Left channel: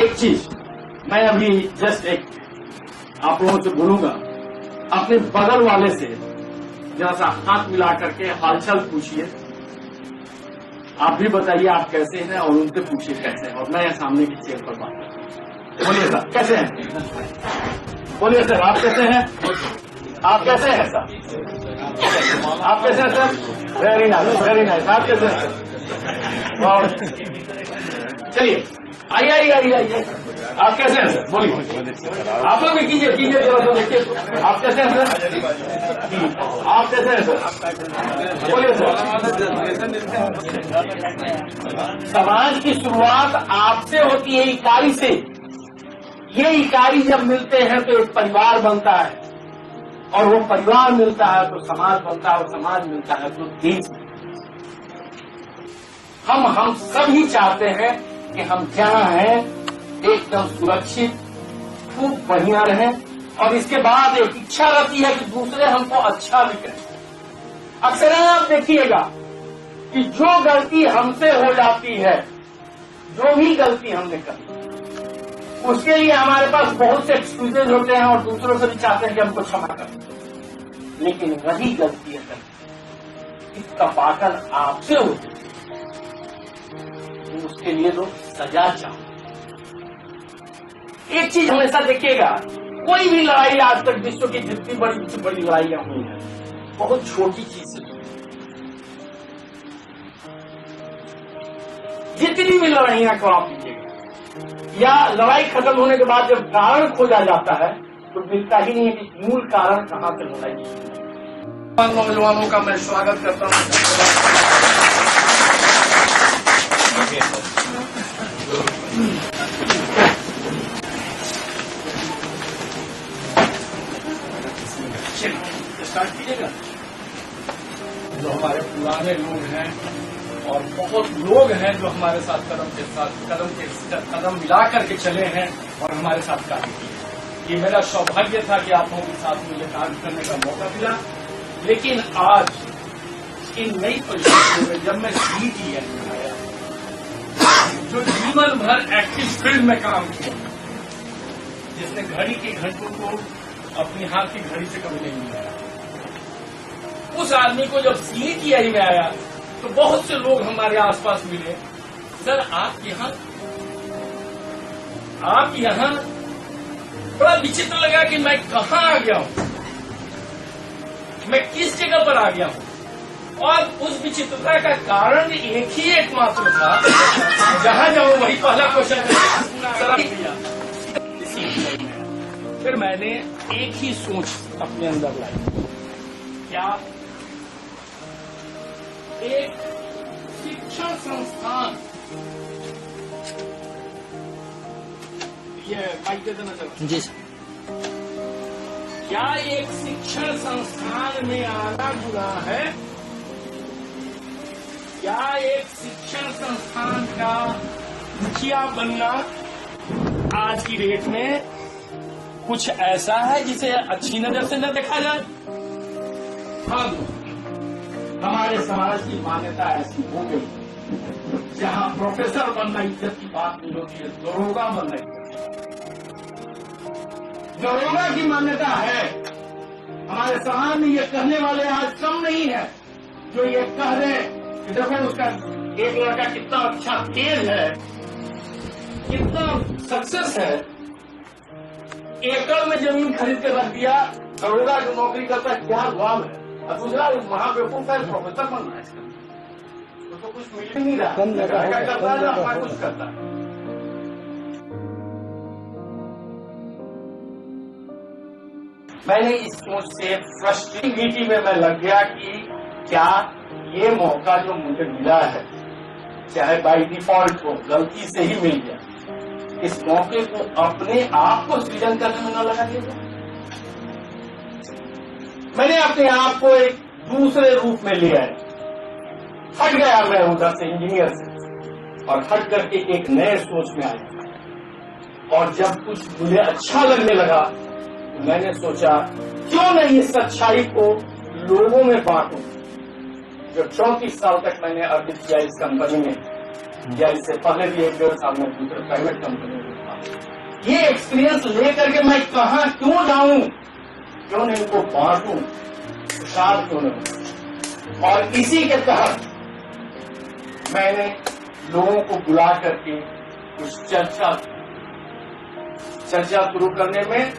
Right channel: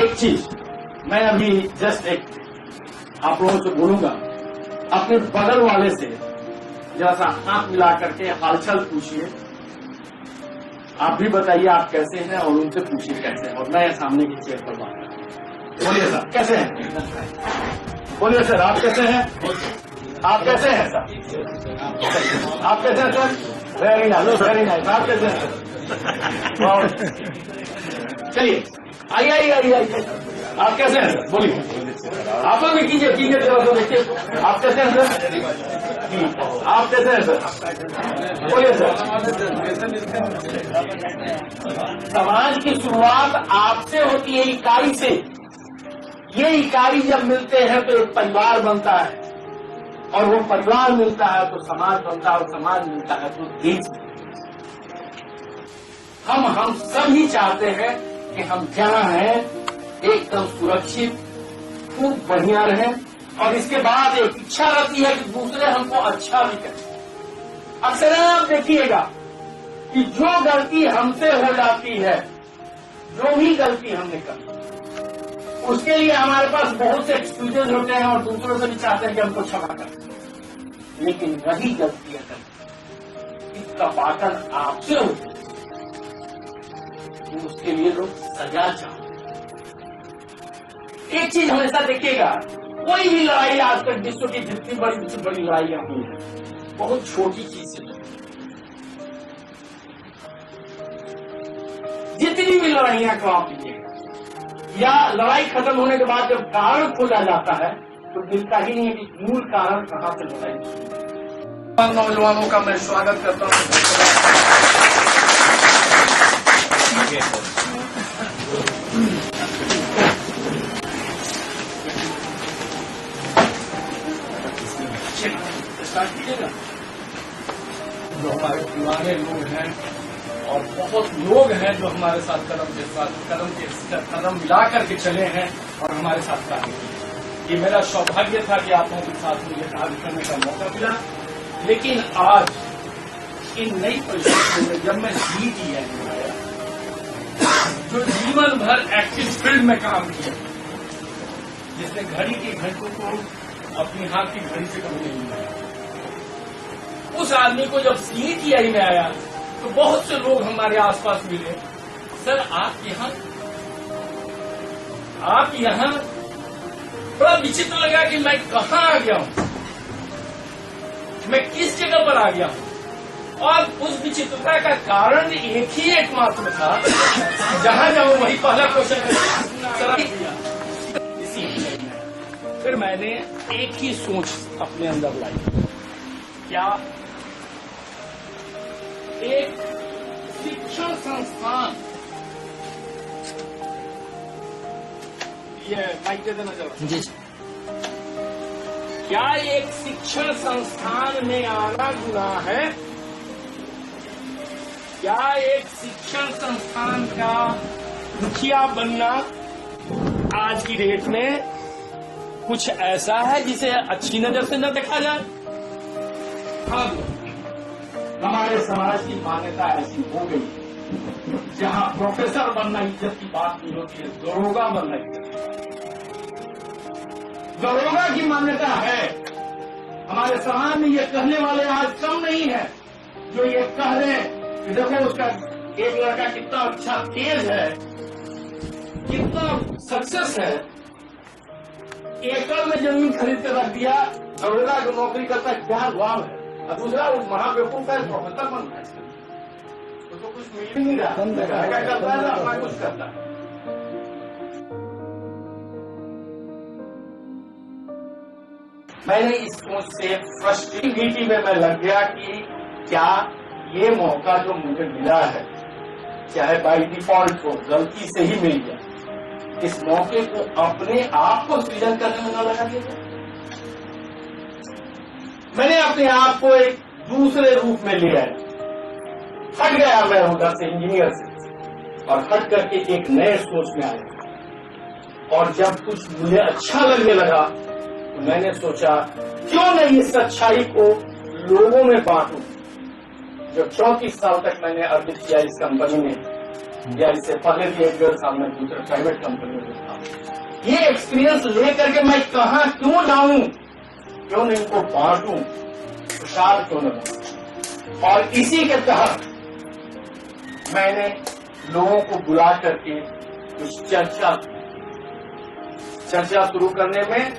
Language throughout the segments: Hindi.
एक चीज मैं अभी जस्ट एक आप लोगों से बोलूंगा, अपने बगल वाले से जरा सा हाथ मिला करके हालचाल पूछिए। आप भी बताइए आप कैसे हैं और उनसे पूछिए कैसे हैं, और मैं सामने की चेयर पर बात करता हूँ। बोलिए सर कैसे हैं? बोलिए सर आप कैसे हैं? आप कैसे हैं सर? आप कैसे हैं sir? Very nice very nice. आप कैसे हैं? और चलिए आइए आइए आइए आइए। आप कैसे हैं सर? बोलिए। आप लोग भी कीजिए कीजिए जरा तो देखिए आप कैसे हैं सर? आप कैसे हैं सर? बोलिए सर। समाज की शुरुआत आपसे होती है, इकाई से। ये इकाई जब मिलते हैं तो एक परिवार बनता है, और वो परिवार मिलता है तो समाज बनता है, और समाज मिलता है तो देश। हम सभी चाहते हैं कि हम जहां हैं एकदम सुरक्षित खूब बढ़िया रहें, और इसके बाद एक इच्छा रहती है कि दूसरे हमको अच्छा भी करें। अक्सर आप देखिएगा कि जो गलती हमसे हो जाती है, जो भी गलती हमने करी, उसके लिए हमारे पास बहुत से एक्सक्यूजेज होते हैं, और दूसरों से भी चाहते हैं कि हमको क्षमा करें। लेकिन वही गलती अगर इसका पाकड़ आपसे होती है तो उसके लिए लोग सजा चाहते। एक चीज हमेशा देखिएगा, कोई भी लड़ाई आज तक विश्व की जितनी बड़ी से बड़ी लड़ाइयां हुई हैं, बहुत छोटी चीज से हुई। जितनी भी लड़ाइयां को आप लीजिएगा, या लड़ाई खत्म होने के बाद जब कारण खोजा जाता है तो मिलता ही नहीं है कि मूल कारण कहां से लड़ाई शुरू। नौजवानों का मैं स्वागत करता हूं। स्टार्ट कीजिएगा। जो हमारे पुराने लोग हैं और बहुत लोग हैं जो हमारे साथ कदम मिला करके चले हैं और हमारे साथ कार्य किए। ये मेरा सौभाग्य था कि आप लोगों के साथ मुझे कार्य करने का मौका मिला। लेकिन आज इन नई परिस्थितियों में जब मैं CTI में आया, जो जीवन भर एक्टिव फील्ड में काम किया, जिसने घड़ी के घंटों को अपनी हाथ की घड़ी से कभी नहीं मिलाया, उस आदमी को जब CTI में आया तो बहुत से लोग हमारे आसपास मिले। सर आप यहाँ बड़ा विचित्र लगा कि मैं कहाँ आ गया हूँ, मैं किस जगह पर आ गया हूँ। और उस विचित्रता का कारण एक ही एकमात्र था, जहां जाऊं वही पहला क्वेश्चन दिया। फिर मैंने एक ही सोच अपने अंदर लाई, क्या एक शिक्षण संस्थान, ये माइक दे देना चलो जी, क्या एक शिक्षण संस्थान में आना गुनाह है? क्या एक शिक्षण संस्थान का मुखिया बनना आज की डेट में कुछ ऐसा है जिसे अच्छी नजर से न देखा जाए? हाँ, हमारे समाज की मान्यता ऐसी हो गई, जहां प्रोफेसर बनना इज्जत की बात नहीं होती है, दरोगा बनना इज्जत। दरोगा की मान्यता है। हमारे समाज में ये कहने वाले आज कम नहीं है जो ये कह रहे कि देखो उसका एक लड़का कितना अच्छा तेज है, कितना सक्सेस है, एकड़ में जमीन खरीद के रख दिया, दरोगा जो नौकरी करता है क्या गुलाम है, और दूसरा महाबेवकूफ का प्रोफेसर बन रहा है, तो कुछ मिल ही नहीं रहा, करता है अपना कुछ करता है। मैंने इस सोच से फ्रस्ट्रेटिविटी में मैं लग गया कि क्या ये मौका जो मुझे मिला है, चाहे बाई डिफॉल्ट हो, गलती से ही मिल गया, इस मौके को अपने आप को सृजन करने में न लगा दिया। मैंने अपने आप को एक दूसरे रूप में लिया है, हट गया मैं उधर से इंजीनियर से, और हट करके एक नए सोच में आया। और जब कुछ मुझे अच्छा लगने लगा तो मैंने सोचा क्यों नहीं इस अच्छाई को लोगों में बांटूं। जो 34 साल तक मैंने अर्जित किया इस कंपनी में, या इससे पहले भी 1-1.5 साल में दूसरे प्राइवेट कंपनियों में था। ये एक्सपीरियंस लेकर के मैं कहाँ क्यों जाऊं, क्यों नहीं इनको बांटूं, प्रसार क्यों न दूं। और इसी के तहत मैंने लोगों को बुला करके कुछ चर्चा शुरू करने में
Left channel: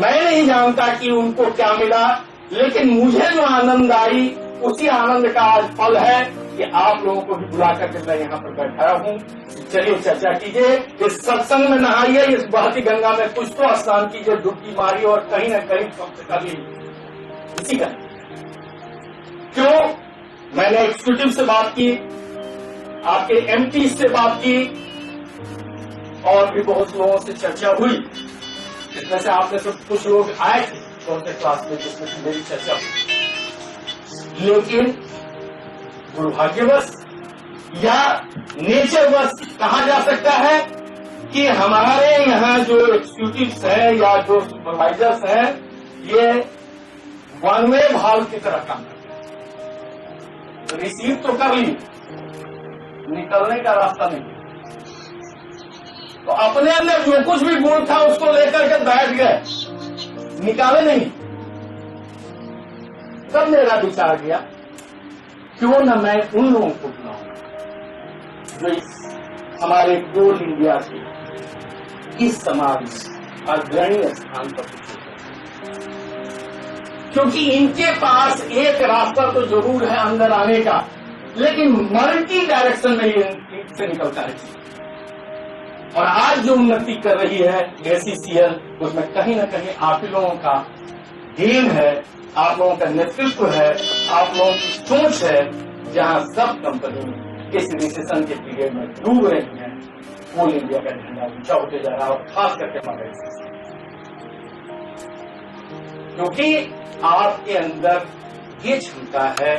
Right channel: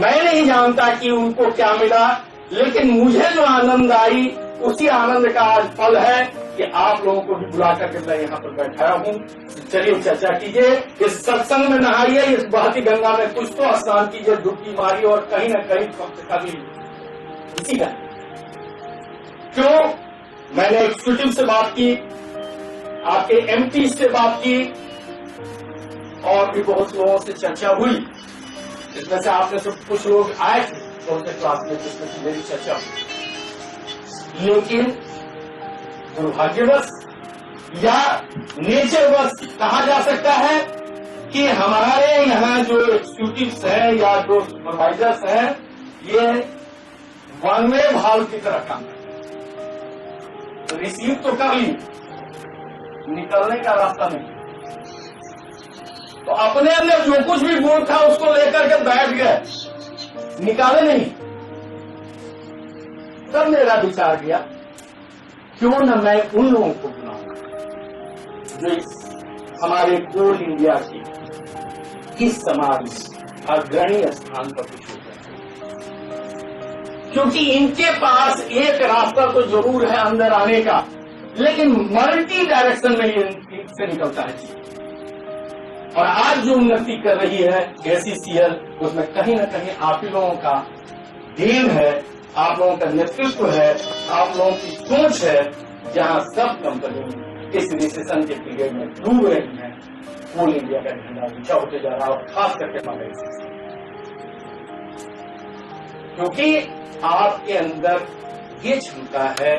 मैं नहीं जानता कि उनको क्या मिला, लेकिन मुझे जो आनंद आई उसी आनंद का आज फल है कि आप लोगों को भी बुला करके मैं यहाँ पर बैठाया हूँ। चलिए चर्चा कीजिए, इस सत्संग में नहाइए, इस बहती गंगा में कुछ तो स्नान कीजिए, डुबकी मारिए और कहीं न कहीं कम से कभी इसी का क्यों मैंने एग्जीक्यूटिव से बात की, आपके एमपी से बात की और भी बहुत लोगों से चर्चा हुई। इसमें से आपने सब कुछ लोग आए थे छोटे क्लास में जिसमें से मेरी चर्चा हुई, लेकिन दुर्भाग्यवश या नेचरवश कहा जा सकता है कि हमारे यहाँ जो एग्जीक्यूटिव्स हैं या जो सुपरवाइजर्स हैं ये वन वे भाव की तरह काम करते हैं। तो रिसीव तो कर ली, निकलने का रास्ता नहीं। तो अपने अंदर जो कुछ भी गुण था उसको लेकर के बैठ गए, निकाले नहीं। तब मेरा विचार किया क्यों न मैं उन लोगों को बुलाऊं जो इस हमारे कोल इंडिया के इस समाज में अग्रणी स्थान पर कुछ होता है, क्योंकि इनके पास एक रास्ता तो जरूर है अंदर आने का, लेकिन मल्टी डायरेक्शन में से निकलता है। और आज जो उन्नति कर रही है एसीसीएल, उसमें कहीं न कहीं आप ही लोगों का देन है, आप लोगों का नेतृत्व है, आप लोगों की सोच है, जहां सब कंपनी इस रिसेशन के पीरियड में डूब रही है। कोल इंडिया का झंडा ऊंचा होते जा रहा है और खास करके हमारे क्योंकि आपके अंदर ये क्षमता है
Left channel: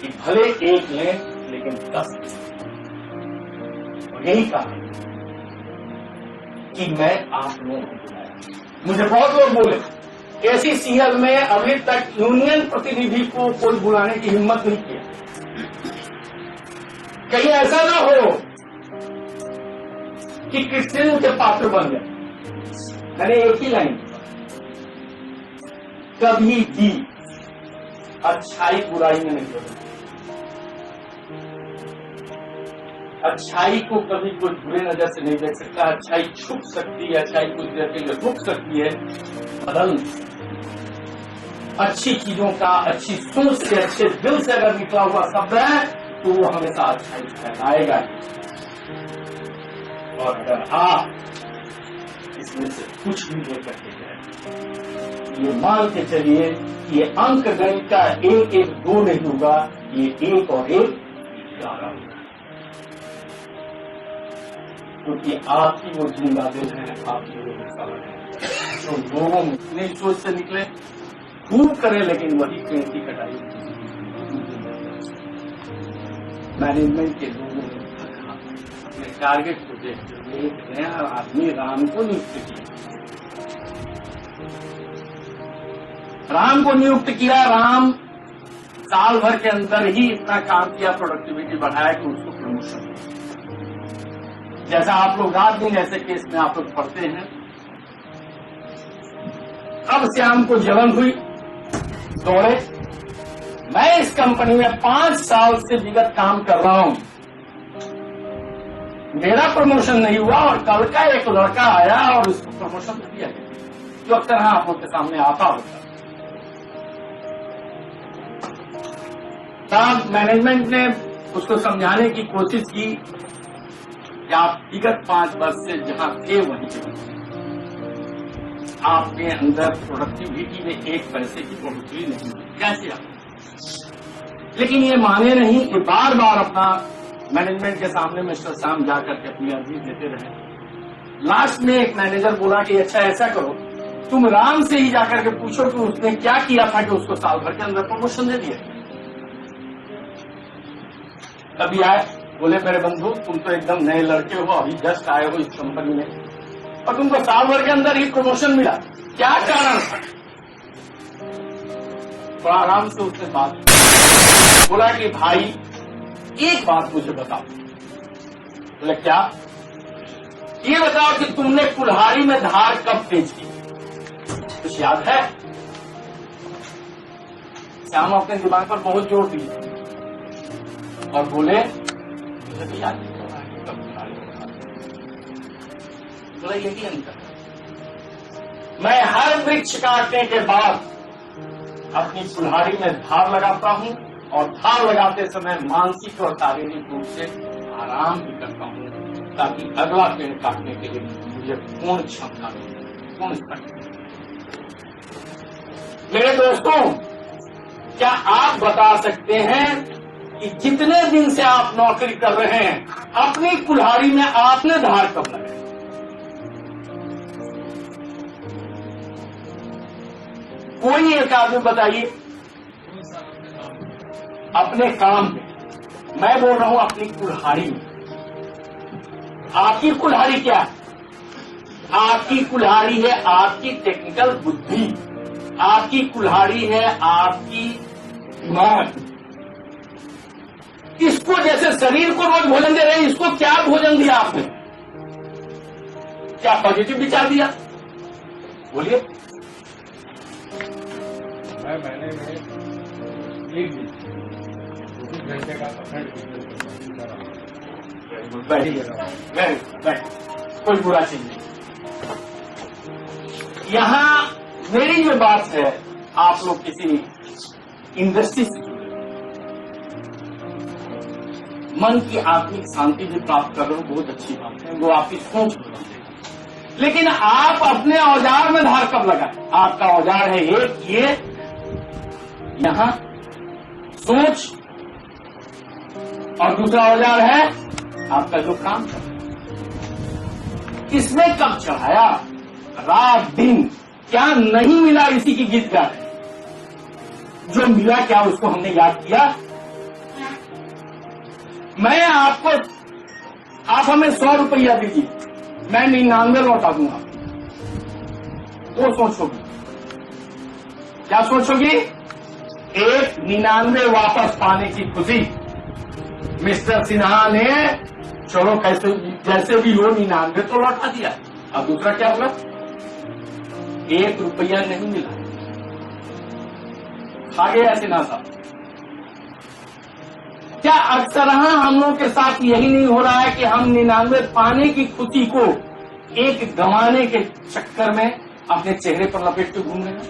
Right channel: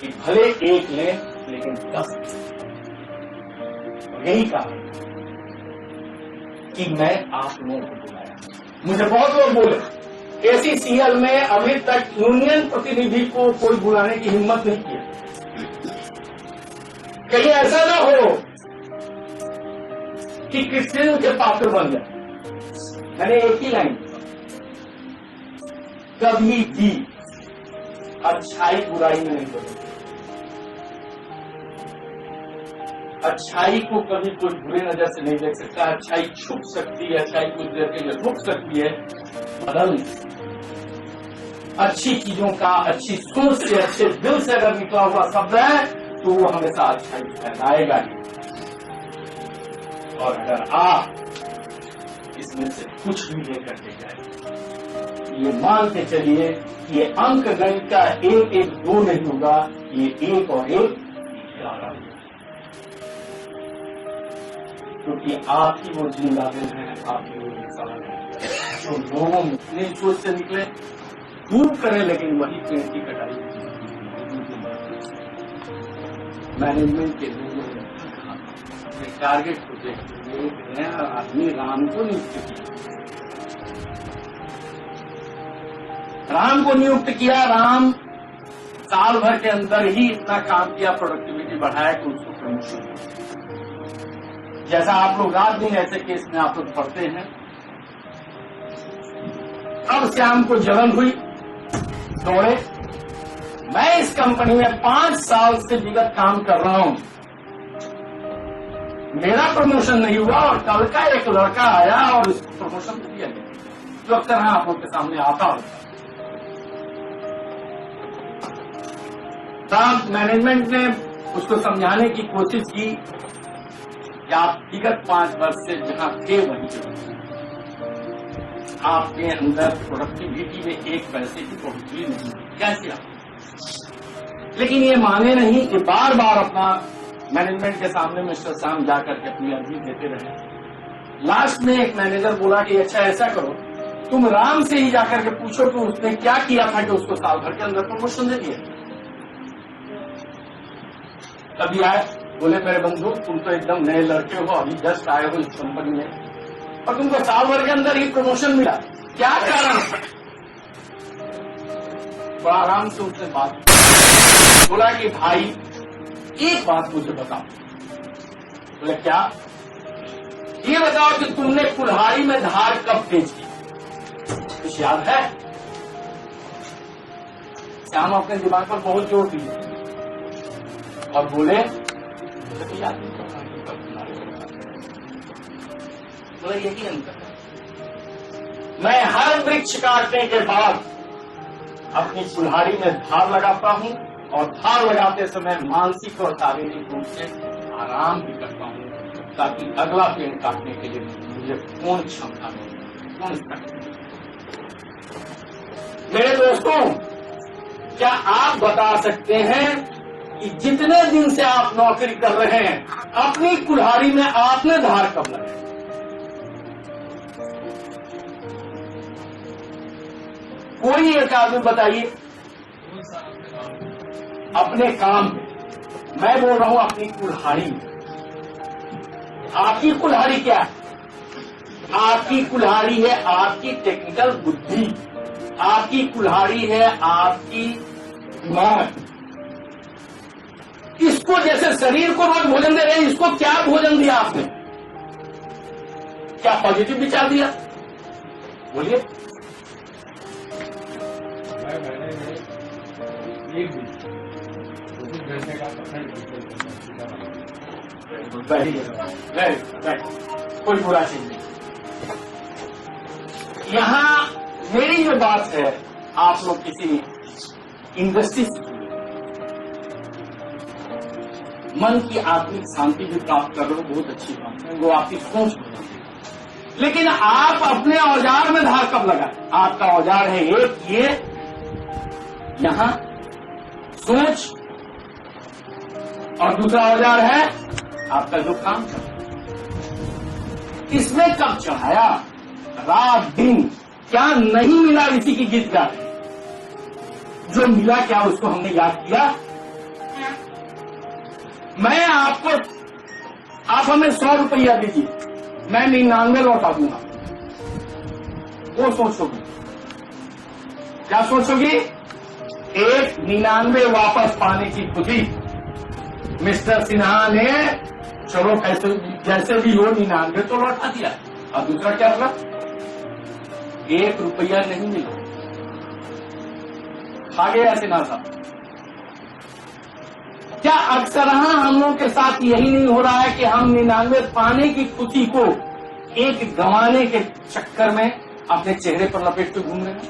कि भले एक लें लेकिन 10 और यही कारण कि मैं आप लोगों को बुलाया। मुझे बहुत लोग बोले एसीसीएल में अभी तक यूनियन प्रतिनिधि को कोई बुलाने की हिम्मत नहीं किया, कहीं ऐसा ना हो कि कृष्ण के पात्र बन जाए। मैंने एक ही लाइन कभी भी अच्छाई बुराई में नहीं बदलती, अच्छाई को कभी कोई बुरे नजर से नहीं देख सकता। अच्छाई छुप सकती है, अच्छाई कुछ देर के लिए रुक सकती है, बदल नहीं सकती। अच्छी चीजों का अच्छी सोच से अच्छे दिल से अगर निकला हुआ शब्द है तो वो हमेशा अच्छाई फैलाएगा ही। और अगर आप इसमें से कुछ भी लेकर के गए, ये मान के चलिए कि ये अंक गणित का 1-1-2 नहीं होगा, ये 1 और 1 11 होगा, क्योंकि आपकी वो जिंदा दिल है, आपकी वो इंसान है जो लोगों में इतने सोच से निकले, खूब करें लेकिन वही पेड़ की कटाई मैनेजमेंट के लोगों ने अपने टारगेट को देखते हुए एक नया आदमी राम को नियुक्त किया। राम को नियुक्त किया, राम साल भर के अंदर ही इतना काम किया, प्रोडक्टिविटी बढ़ाया कि उसको प्रमोशन हुआ। जैसा आप लोग रात दिन ऐसे केस में आप लोग पढ़ते हैं। अब श्याम को जलन हुई, दौड़े। मैं इस कंपनी में 5 साल से विगत काम कर रहा हूं, मेरा प्रमोशन नहीं हुआ और कल का एक लड़का आया और उसको प्रमोशन दिया गया, जो अक्सर आप लोग के सामने आता होता है। तब मैनेजमेंट ने उसको समझाने की कोशिश की कि आप विगत 5 वर्ष से जहां थे वहीं पे आपके अंदर प्रोडक्टिविटी में 1 पैसे की बढ़ोतरी नहीं हुई, कैसे आप? लेकिन ये माने नहीं कि बार बार अपना मैनेजमेंट के सामने मिस्टर शाम जाकर के अपनी अर्जी देते रहे। लास्ट में एक मैनेजर बोला कि अच्छा ऐसा करो, तुम राम से ही जाकर के पूछो कि उसने क्या किया था कि उसको साल भर के अंदर प्रमोशन दे दिया। तभी आए, बोले मेरे बंधु तुम तो एकदम नए लड़के हो, अभी जस्ट आए हो इस कंपनी में और तुमको साल भर के अंदर ही प्रमोशन मिला, क्या कारण? बड़ा आराम से उसने बात बोला कि भाई एक बात मुझे बताओ, बोले क्या? ये बताओ कि तुमने कुल्हाड़ी में धार कब तेज की? कुछ याद है? श्याम अपने दिमाग पर बहुत जोर दिए और बोले मुझे तो याद नहीं कब कुल्हाड़ी में धार। बोला यही अंतर है, मैं हर वृक्ष काटने के बाद अपनी कुल्हाड़ी में धार लगाता हूं और धार लगाते समय मानसिक और शारीरिक रूप से आराम भी करता हूं ताकि अगला पेड़ काटने के लिए मुझे पूर्ण क्षमता मिले, पूर्ण शक्ति। मेरे दोस्तों, क्या आप बता सकते हैं कि जितने दिन से आप नौकरी कर रहे हैं अपनी कुल्हाड़ी में आपने धार कब लगाई? कोई एक आदमी बताइए। अपने काम में, मैं बोल रहा हूं अपनी कुल्हाड़ी में। आपकी कुल्हाड़ी क्या है? आपकी कुल्हाड़ी है आपकी टेक्निकल बुद्धि, आपकी कुल्हाड़ी है आपकी दिमाग। इसको जैसे शरीर को रोज भोजन दे रहे हैं, इसको क्या भोजन दिया आपने? क्या पॉजिटिव विचार दिया? बोलिए। मैंने एक दिन 24 घंटे का कोई बुरा चीज नहीं। यहां मेरी जो बात है, आप लोग किसी इंडस्ट्री से जुड़े, मन की आत्मिक शांति भी प्राप्त कर रहे हो, बहुत अच्छी बात है, वो आपकी सोच बदलती है। लेकिन आप अपने औजार में धार कब लगाए? आपका औजार है एक ये, यहां सोच, और दूसरा औजार है आपका जो काम कर रहा है। इसमें कब चढ़ाया? रात दिन। क्या नहीं मिला इसी की गीत गा रहे? जो मिला क्या उसको हमने याद किया? मैं आपको, आप हमें 100 रुपया दीजिए, मैं 99 लौटा दूंगा। वो सोचोगी क्या? सोचोगी एक 99 वापस पाने की खुशी। मिस्टर सिन्हा ने चलो कैसे जैसे भी हो 99 तो लौटा दिया। अब दूसरा क्या हुआ? 1 रुपया नहीं मिला, खा गया सिन्हा साहब। क्या अक्सर हम लोगों के साथ यही नहीं हो रहा है कि हम 99 पाने की खुशी को एक गंवाने के चक्कर में अपने चेहरे पर लपेट के घूम रहे हैं?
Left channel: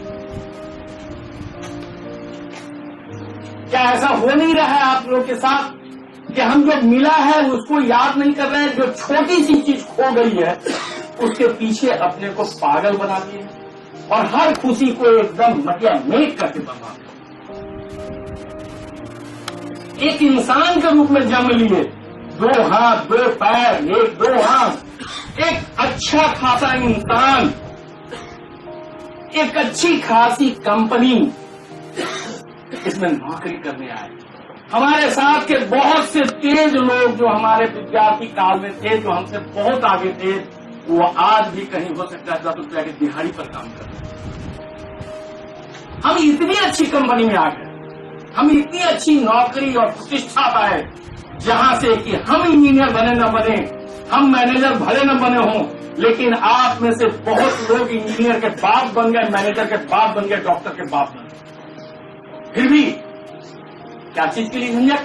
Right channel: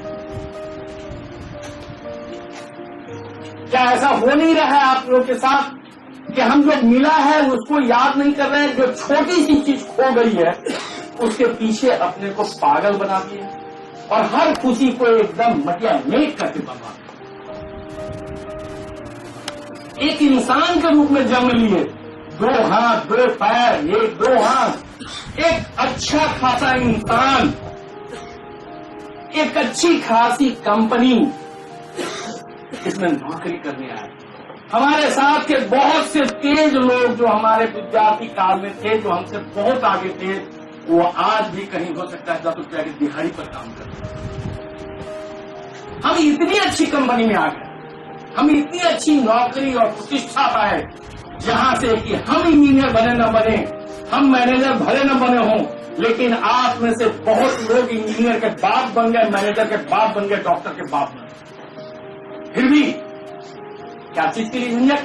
क्या ऐसा हो नहीं रहा है आप लोगों के साथ कि हम जो मिला है उसको याद नहीं कर रहे हैं, जो छोटी सी चीज खो गई है उसके पीछे अपने को पागल बना दिए और हर खुशी को एकदम मटिया मेट करके बर्बाद। एक इंसान के रूप में जन्म लिए, 2 हाथ 2 पैर 1-2 हाथ, एक अच्छा खासा इंसान, एक अच्छी खासी कंपनी, इसमें नौकरी करने आए। हमारे साथ के बहुत से तेज लोग जो हमारे विद्यार्थी काल में थे, जो हमसे बहुत आगे थे, वो आज भी कहीं हो सकता है 10 रुपया की दिहाड़ी पर काम कर रहे हैं। हम इतनी अच्छी कंपनी में आ गए, हम इतनी अच्छी नौकरी और प्रतिष्ठा पाए, जहां से कि हम इंजीनियर बने न बने, हम मैनेजर भले न बने हों, लेकिन आप में से बहुत लोग इंजीनियर के बाप बन गए, मैनेजर के बाप बन गए, डॉक्टर के बाप बन गए। फिर भी क्या चीज के लिए झंझट?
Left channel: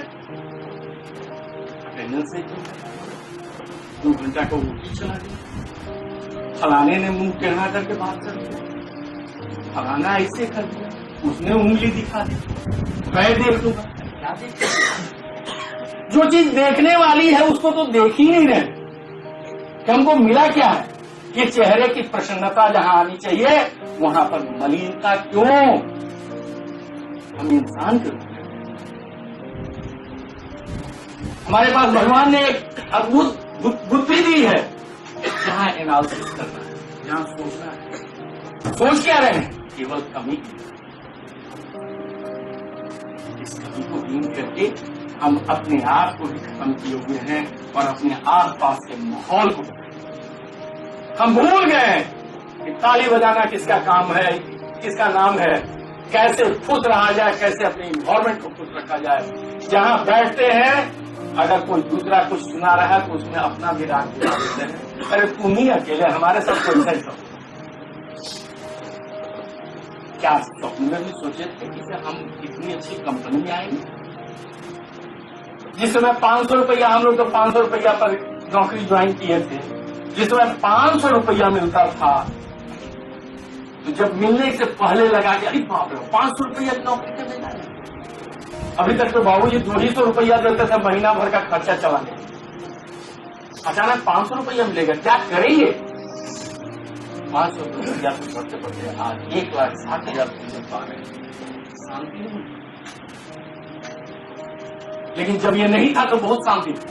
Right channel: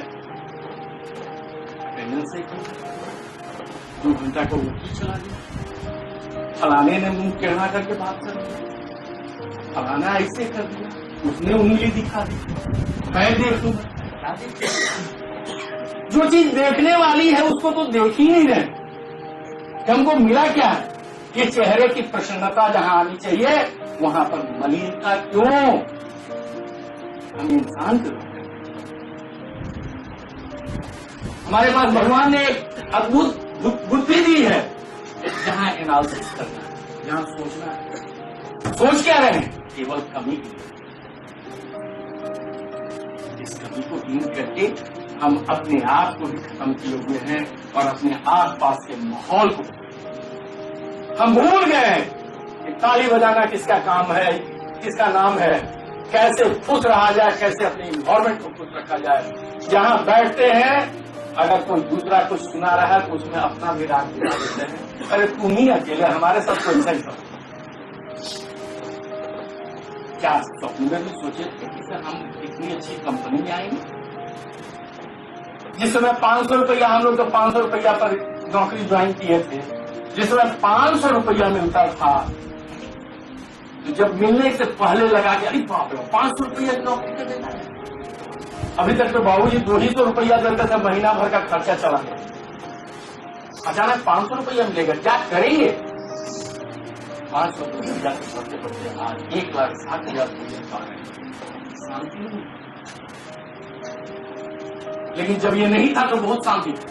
अटेंडेंस से 2 घंटा का ऊँची चला गया, फलाने ने मुंह टेढ़ा करके बात कर दिया, फलाना ऐसे कर दिया, उसने उंगली दिखा दी, मैं देख लूंगा। क्या देख? जो चीज देखने वाली है उसको तो देख ही नहीं रहे कि हमको मिला क्या है। ये चेहरे की प्रसन्नता जहां आनी चाहिए वहां पर मलिनता क्यों? हम इंसान क्यों? हमारे पास भगवान ने एक अद्भुत बुद्धि दी है, जहां एनालिसिस करना है, जहां सोचना है। सोच क्या रहे हैं? केवल कमी की। इस कमी को दूर करके हम अपने आप को भी खत्म किए हुए हैं और अपने आस पास के माहौल को हम भूल गए कि ताली बजाना किसका काम है, किसका नाम है, कैसे खुश रहा जाए, कैसे अपने इन्वायरमेंट को खुश रखा जाए। जहां बैठते हैं अगर कोई दूसरा कुछ सुना रहा है तो उसमें अपना भी राग दिला देते हैं। अरे तुम ही अकेले, हमारे साथ कोई नहीं सब। क्या स्वप्न में भी सोचे थे कि हम इतनी अच्छी कंपनी में आएंगे? जिस समय 500 रुपया, हम लोग तो 500 रुपया पर नौकरी ज्वाइन किए थे, जिस समय 500 रुपया मिलता था, तो जब मिलने से पहले लगा कि अरे बाप रे 500 रुपया की नौकरी कर देना है। अभी तक तो बाबूजी 200 रुपया देते थे, महीना भर का खर्चा चला गया। अचानक 500 रुपया मिलेगा, क्या करेंगे? 500 रुपया से बढ़ते बढ़ते आज 1,60,000 रुपया पा रहे हैं। शांति नहीं। लेकिन जब ये नहीं था तो बहुत शांति थी।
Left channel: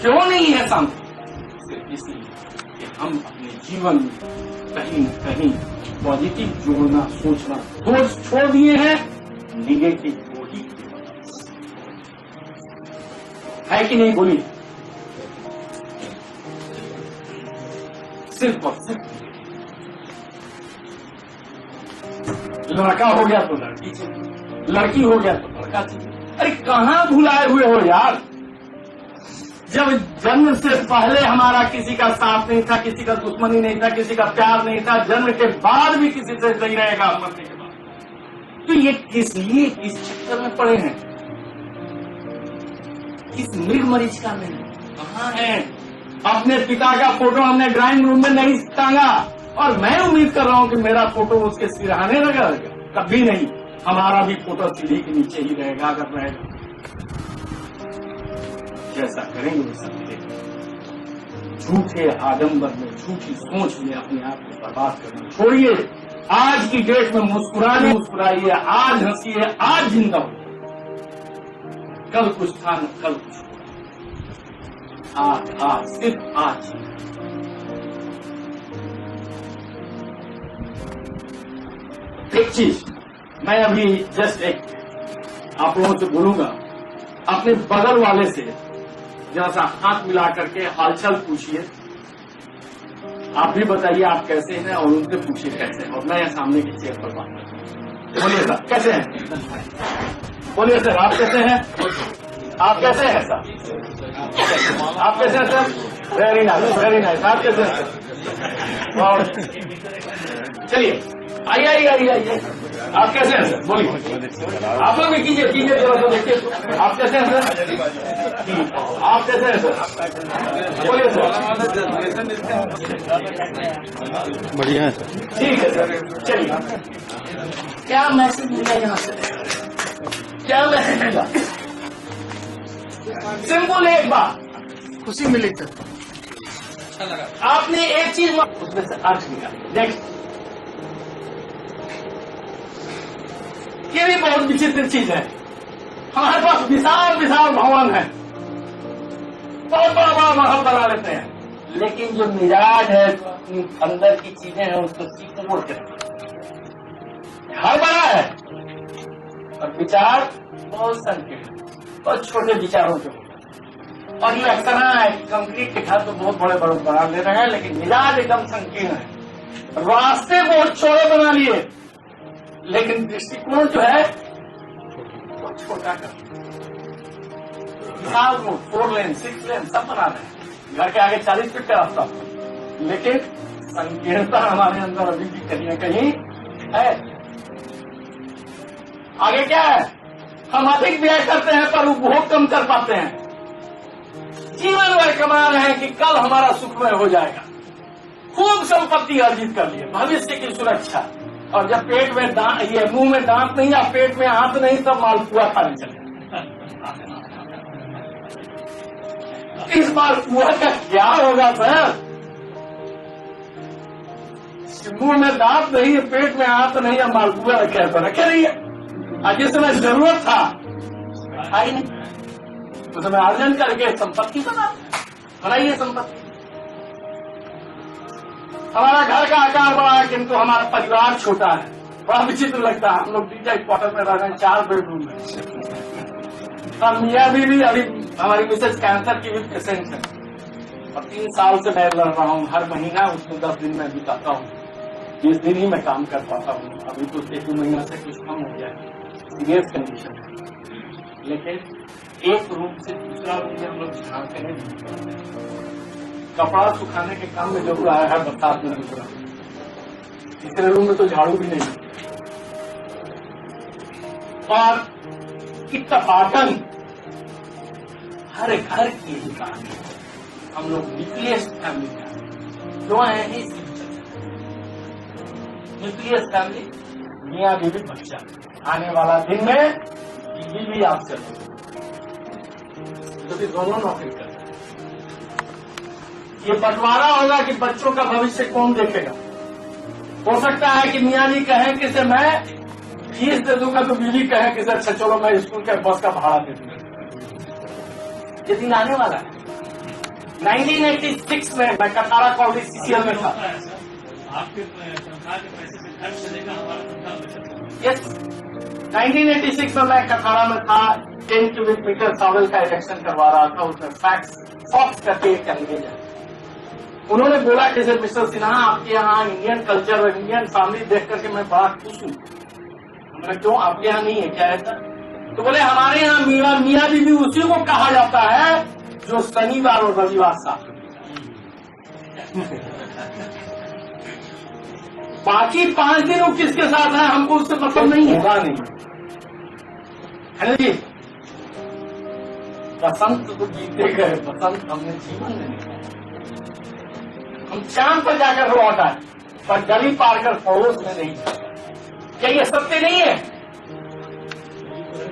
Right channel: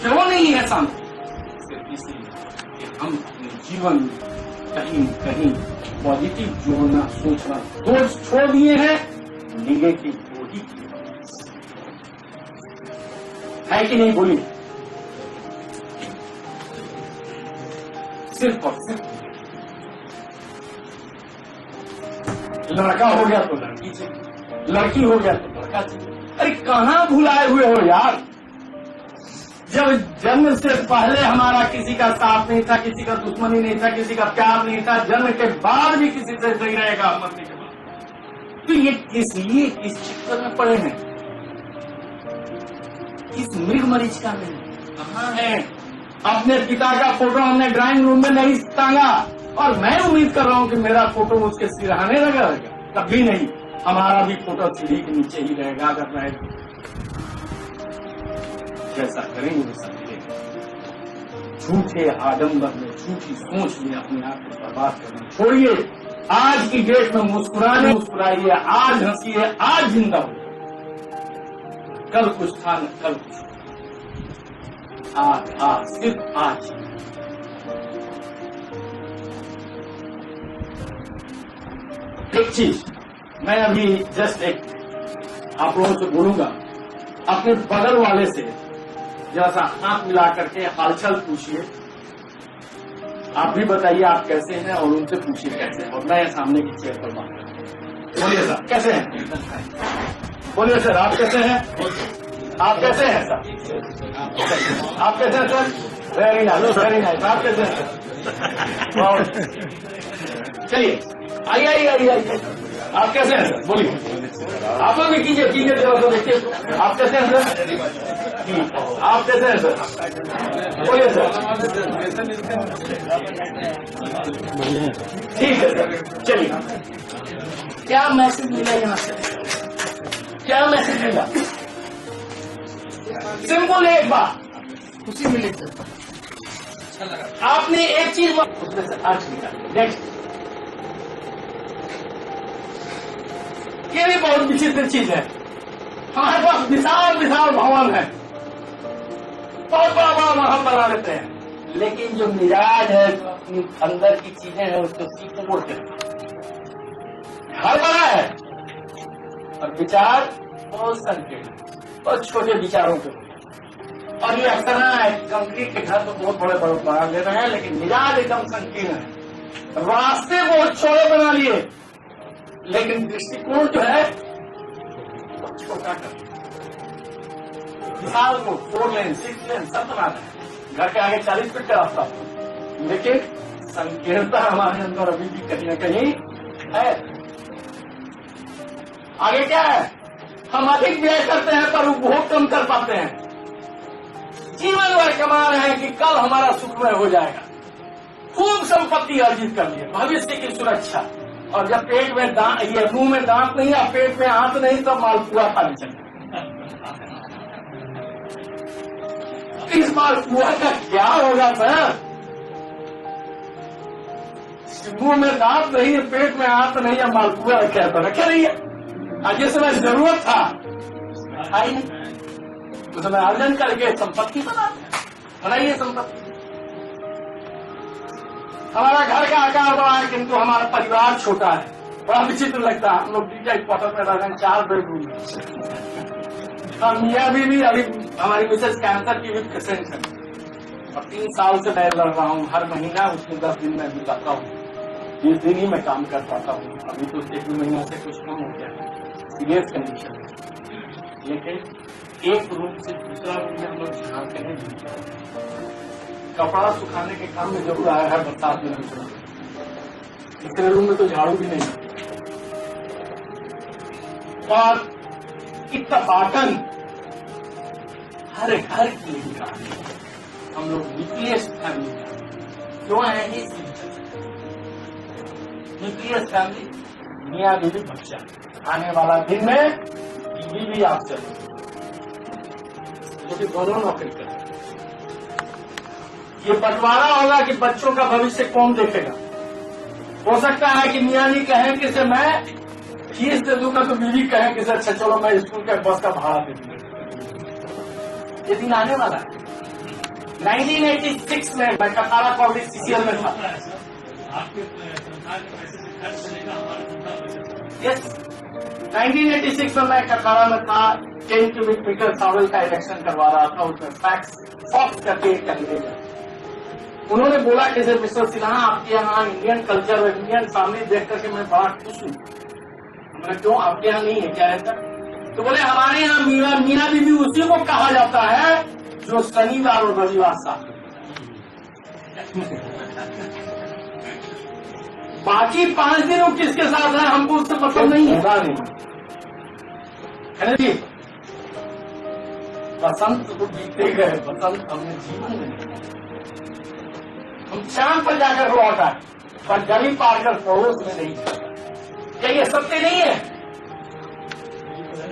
क्यों नहीं है शांति? सिर्फ इसलिए कि हम अपने जीवन में कहीं न कहीं पॉजिटिव जोड़ना, सोचना छोड़ दिए हैं, निगेटिव को ही है कि नहीं? बोलिए। सिर्फ और सिर्फ लड़का हो गया तो लड़की चाहिए, लड़की हो गया तो लड़का चाहिए। अरे कहाँ भुलाए हुए हो यार? जब जन्म से पहले हमारा किसी का साथ नहीं था, किसी का दुश्मनी नहीं था, किसी का प्यार नहीं था, जन्म के बाद भी किसी से नहीं रहेगा मरने के बाद। तो ये किस लिए इस चक्कर में पड़े हैं? किस मृग मरीचिका में कहाँ है? अपने पिता का फोटो हमने ड्राइंग रूम में नहीं टांगा और मैं उम्मीद कर रहा हूं कि मेरा फोटो उसके सिरहाने रहेगा। कभी नहीं। हमारा भी फोटो सीढ़ी के नीचे ही रहेगा अगर रहेगा। जैसा करेंगे वैसा मिलेगा। झूठे आडंबर में, झूठी सोच में अपने आप को बर्बाद करना छोड़िए। आज की डेट में मुस्कुराइए, आज हंसिए, आज जिंदा हो। कल कुछ था न कल कुछ, आज सिर्फ आज। एक चीज मैं अभी जस्ट एक आप लोगों से बोलूंगा, अपने बगल वाले से जरा सा हाथ मिला करके हालचाल पूछिए। आप भी बताइए आप कैसे हैं और उनसे पूछिए कैसे हैं, और मैं सामने की चेयर पर बात करता हूं। बोलिए सर कैसे हैं? बोलिए सर आप कैसे हैं? आप कैसे हैं सर? आप कैसे हैं sir? Very nice, very nice. आप कैसे हैं सर? और चलिए आइए। आप कैसे हैं सर? बोलिए। आप लोग भी कीजिए जरा तो देखिए आप कैसे हैं सर? आप कैसे हैं सर? बोलिए सर। बढ़िया है। ठीक है सर। चलिए, क्या मैसेज मिला यहाँ से? क्या मैसेज मिला? सिंपल एक बात, खुशी मिली सर। अच्छा लगा। आपने एक चीज उसमें से अर्थ निकाली। नेक्स्ट, ये भी बहुत विचित्र चीज है। हमारे पास विशाल विशाल भवन है, बहुत बड़ा बड़ा महल बना लेते हैं, लेकिन जो मिजाज है, जो अपनी अंदर की चीजें हैं, उसको सीख मोड़ते हैं। घर बड़ा है और विचार बहुत संकीर्ण है, बहुत छोटे विचारों के होते हैं। और ये अक्सर है, कंक्रीट के घर तो बहुत बड़े बड़े बना ले रहे हैं, लेकिन मिजाज एकदम संकीर्ण है। रास्ते बहुत छोटे बना लिए, लेकिन दृष्टिकोण जो है वो छोटा कर। विशाल रोड, 4 लेन 6 लेन सब बनाते हैं, घर के आगे 40 फीट का रास्ता, लेकिन संकीर्णता हमारे अंदर अभी भी कहीं न कहीं है। आगे क्या है? हम अधिक व्यय करते हैं पर उपभोग कम कर पाते हैं। जीवन भर कमा रहे हैं कि कल हमारा सुखमय हो जाएगा। खूब संपत्ति अर्जित कर लिए, भविष्य की सुरक्षा, और जब पेट में ये मुंह में दांत नहीं या पेट में हाथ नहीं, तब मालपुआ खाने चले। इस मालपुआ का क्या होगा सर? मुंह में दांत नहीं है, पेट में हाथ नहीं है, मालपुआ रखे नहीं है। जिस समय जरूरत था ही नहीं, उस समय अर्जन करके संपत्ति बनाइए संपत्ति। हमारा घर का आकार बड़ा है किंतु हमारा परिवार छोटा है, बड़ा विचित्र लगता है। हम लोग डीजा क्वार्टर में रह रहे हैं, 4 बेडरूम में। और मियाँ भी अभी हमारी मिसेज कैंसर की भी पेशेंट है, और 3 साल से मैं लड़ रहा हूँ। हर महीना उसमें 10 दिन मैं बिताता हूँ, 20 दिन ही मैं काम कर पाता हूँ। अभी तो 1-2 महीना से कुछ कम हो गया है, सीरियस कंडीशन है, लेकिन एक रूम से दूसरा रूम में हम लोग झांकते हैं। कपड़ा सुखाने के काम में जरूर आया है बरसात में दूसरा, तीसरे रूम में तो झाड़ू भी नहीं। और इत्तफाकन हर घर की यही कहानी। हम लोग न्यूक्लियस फैमिली क्यों है ही न्यूक्लियस फैमिली, मियाँ बीवी बच्चा। आने वाला दिन में बीवी भी आप चले जो कि दोनों नौकरी कर। ये बंटवारा होगा कि बच्चों का भविष्य कौन देखेगा। हो सकता है कि मियाँ जी कहें कि से मैं फीस दे दूंगा, तो बीवी कहे कि सर अच्छा चलो मैं स्कूल का बस का भाड़ा दे दूंगा। ये दिन आने वाला है। 1986 में मैं कतारा कॉलेज सीसीएल में था। आपके तनख्वाह के पैसे से खर्च चलेगा, हमारा तनख्वाह बचत। यस, 1986 में मैं कतारा में था। 10 क्यूबिक मीटर सॉइल का इलेक्शन करवा रहा था। उसमें फॉक्स करके एक कैंडिडेट है। उन्होंने बोला कि सर मिस्टर सिन्हा, आपके यहाँ इंडियन कल्चर और इंडियन फैमिली देख करके मैं बड़ा खुश हूँ। हमने क्यों, आपके यहाँ नहीं है क्या ऐसा? तो बोले हमारे यहाँ मियाँ बीवी उसी को कहा जाता है जो शनिवार और रविवार साथ। बाकी 5 दिन वो किसके साथ है हमको उससे मतलब नहीं होगा नहीं है ना जी। बसंत तो बीते गए, बसंत हमने जीवन में नहीं। हम चांद पर जाकर लौट आए, पर गली पार कर पड़ोस में नहीं जाता। क्या ये सत्य नहीं है?